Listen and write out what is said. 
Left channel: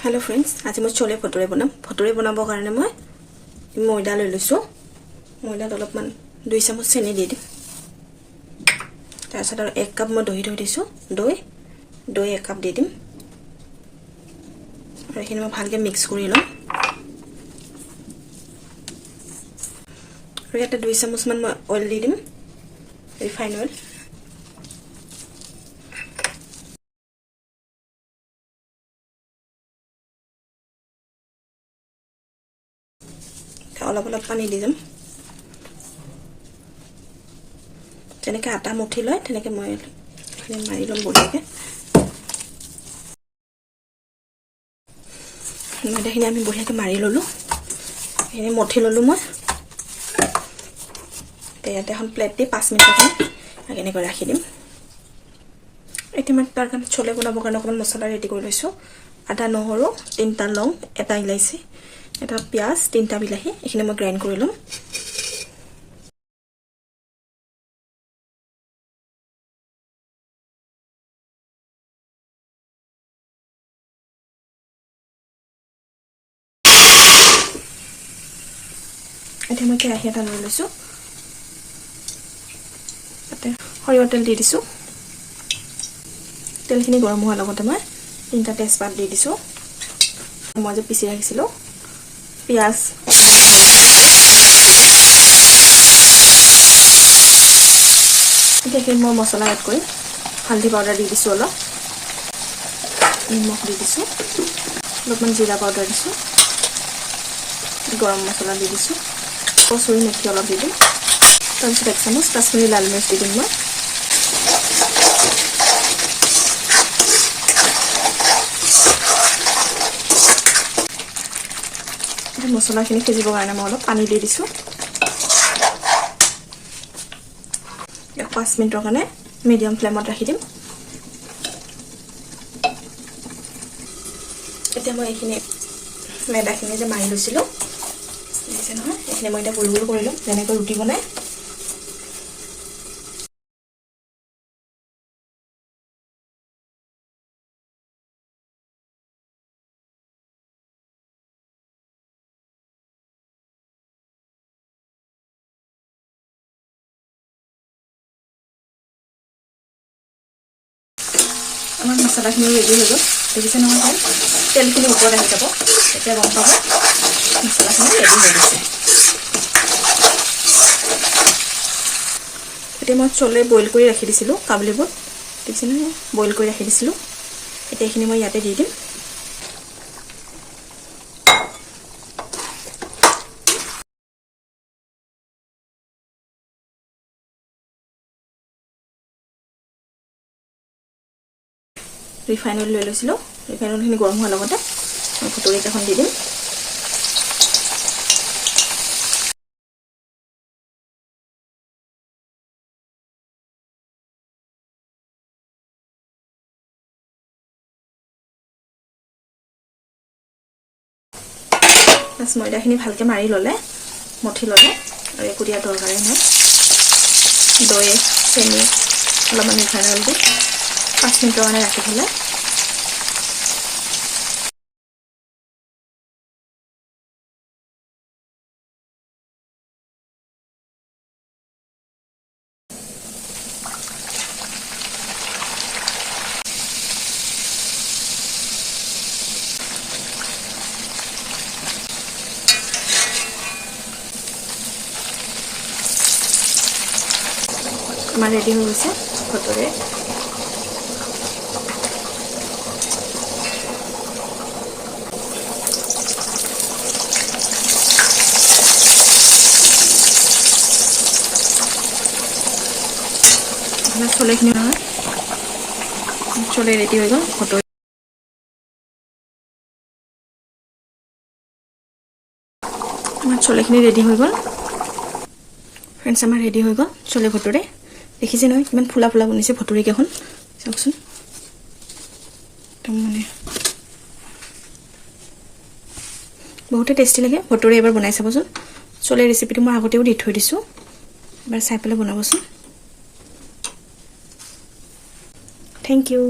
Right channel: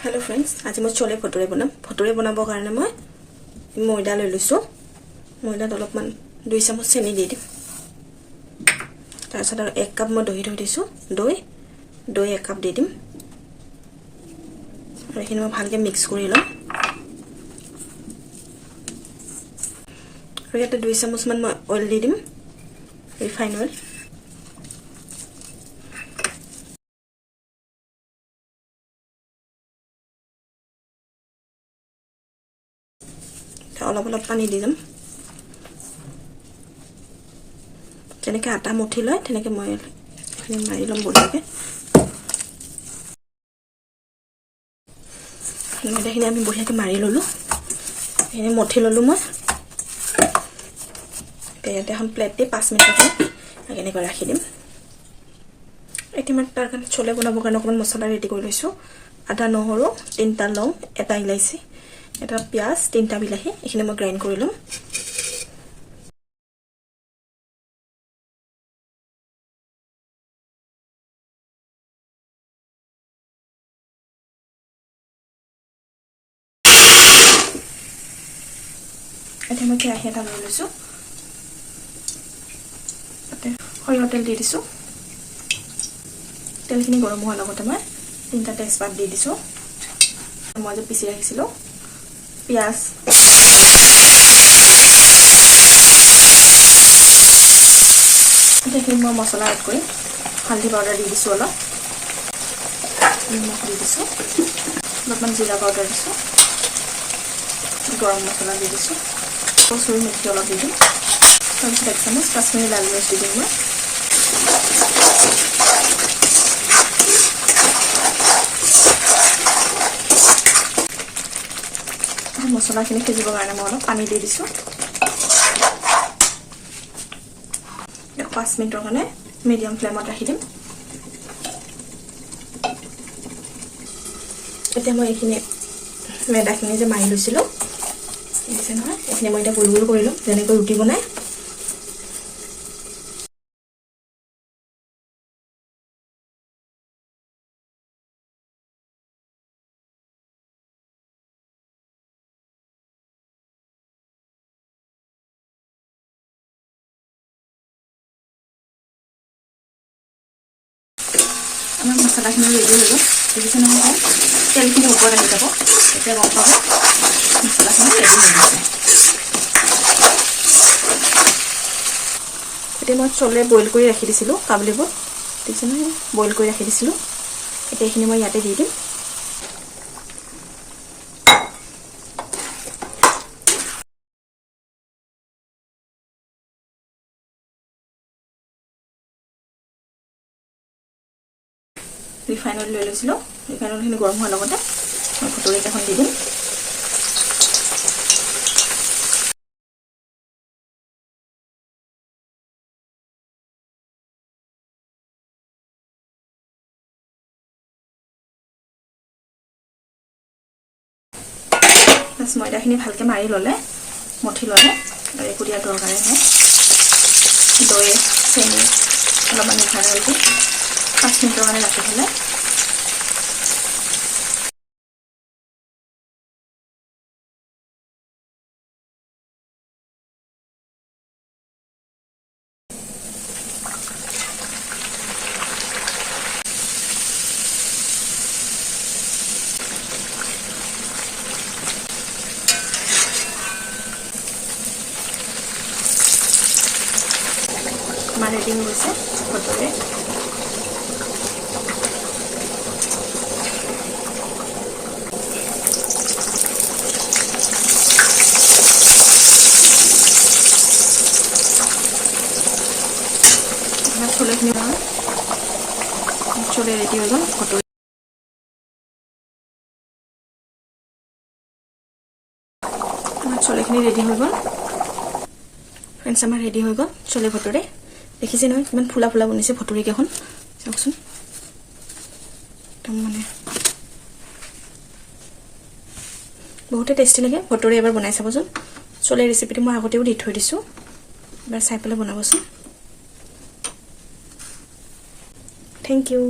Hello friends, आज मैं छोले भटुरे बनाम भटुरे बनाबो कारणे मैं मैदा লৈ লৈছো। मैदात অলপমান 2 চামুচ চেনি দি দিম। তাৰছত আৰু 1 কাপ মই দহি থৈ দিছো। দৈ 1 কাপ দি দিম। আৰু এখিনি মই ভালকে মিক্স কৰি লম। আৰু ইয়াতে 2 চামুচ মান মই অইল দি দিম, ৰিফাইন অইল। অলপ পানী দি দিম। যেনেকৈ আটা মুঠি লয় তেনেকৈ মই মাৰি লম বঢ়িয়াকৈ। ময়দাখিনি আমি বঢ়িয়াকৈ মাৰি ললো, এনে মুঠি ললো মই। ইয়াতে এখন প্লেট দি 5 মিনিট এনেকৈ ৰাখি দিম। এতিয়া মই তাৰ কাৰণে छोले বনাবৰ কাৰণে অকণমান মছলা ৰেডি কৰি লৈছো। আদা, নহৰু, 3টা লং, 1টা ইলাইচি, 1টা পিয়াজ, 3টা বিলাহী, এইখিনি মই গ্ৰাইণ্ড কৰি লম। এতিয়া মই কেৰাহী এটা লৈ লৈছো। তাতে সৰিয়হ তেল দি দিছো। তেলখিনি গৰম হোৱাৰ লগতে মই 3টা তেজপাত দি দিছো। মই যে পিচি ৰাখিছিলো পিয়াজ, এতিয়া মই মছলা এড কৰি হালধি পাউডাৰ দি দিছো, অলপ নিমখ দি দিছো, অলপমান জিৰা পাউডাৰ দিছো, গৰম মছলা দি দিছো, কচুৰি মেথি অলপ দি দিম। তাৰপিছত 1 চামুচ কাশ্মীৰী লাল মিৰ্চ দি দিম মই। মছলাখিনি সিজিবৰ কাৰণে মই অলপ পানী দি দিছো। 5 মিনিটৰ কাৰণে মিডিয়াম ফ্লেমত ৰাখি দিম। এতিয়া মই এইখিনি মেদাখিনি যে মাৰি লৈছিলো দিছে নহয়, এইখিনি মই এতিয়া গোল গোল কৰি ল'ম যেনেকৈ ৰুটি বনাই। আমাৰ মছলাখিনি ৰেডি হৈ গ'ল। দেখিছে নহয়, তেলখিনি ওপৰত আহি যাব। এতিয়া গম পাব মছলাখিনি ৰেডি হৈ গৈছে। এতিয়া মই छोले বইল কৰি ৰাখি দিছিলো কাবুলী বুট, দেখিছে নহয়, বইল কৰি ৰাখি দিছিলো। এতিয়া এইখিনি মই ইয়াতে দি দিম। ৰিফাইন অইল লৈ লৈছিলো, ৰিফাইন অইলখিনি গৰম হোৱাৰ লগতে মই ভটুৰিকেইখন দি দিম। ময়দাখিনি ভালকৈ মাৰি ল'লে, মঠি ল'লে, আৰু একো দিয়া দৰকাৰেই নাই। দৈ, চেনি, অলপমান ৰিফাইন অইল দি 5 মিনিটৰ কাৰণে ৰাখি থ'লে আমাৰ ৰেডি হৈ গৈছে ভটুৰে। छोलेখিনি নহয়, छोले ৰেডি হৈ গ'ল। ভটুৰে আমাৰ छोलेখিনি ৰেডি হৈ গ'ল। ফ্ৰেণ্ডছ, আমাৰ ৰেডি হৈ গ'ল छोले ভটুৰে। দেখিছে নহয় কিমান ফুলা ফুলা বনিছে ভটুৰিকেইখন, চাওকচোন। একদম মানে বহুতে টেষ্টি লাগে। ভটুৰে এবাৰ বনাই চাবচোন। छोले ৰেচিপিটো মই আগতেও দি থৈ দিছোঁ, এবাৰ চাই পেলাই বনাবচোন। Thank U.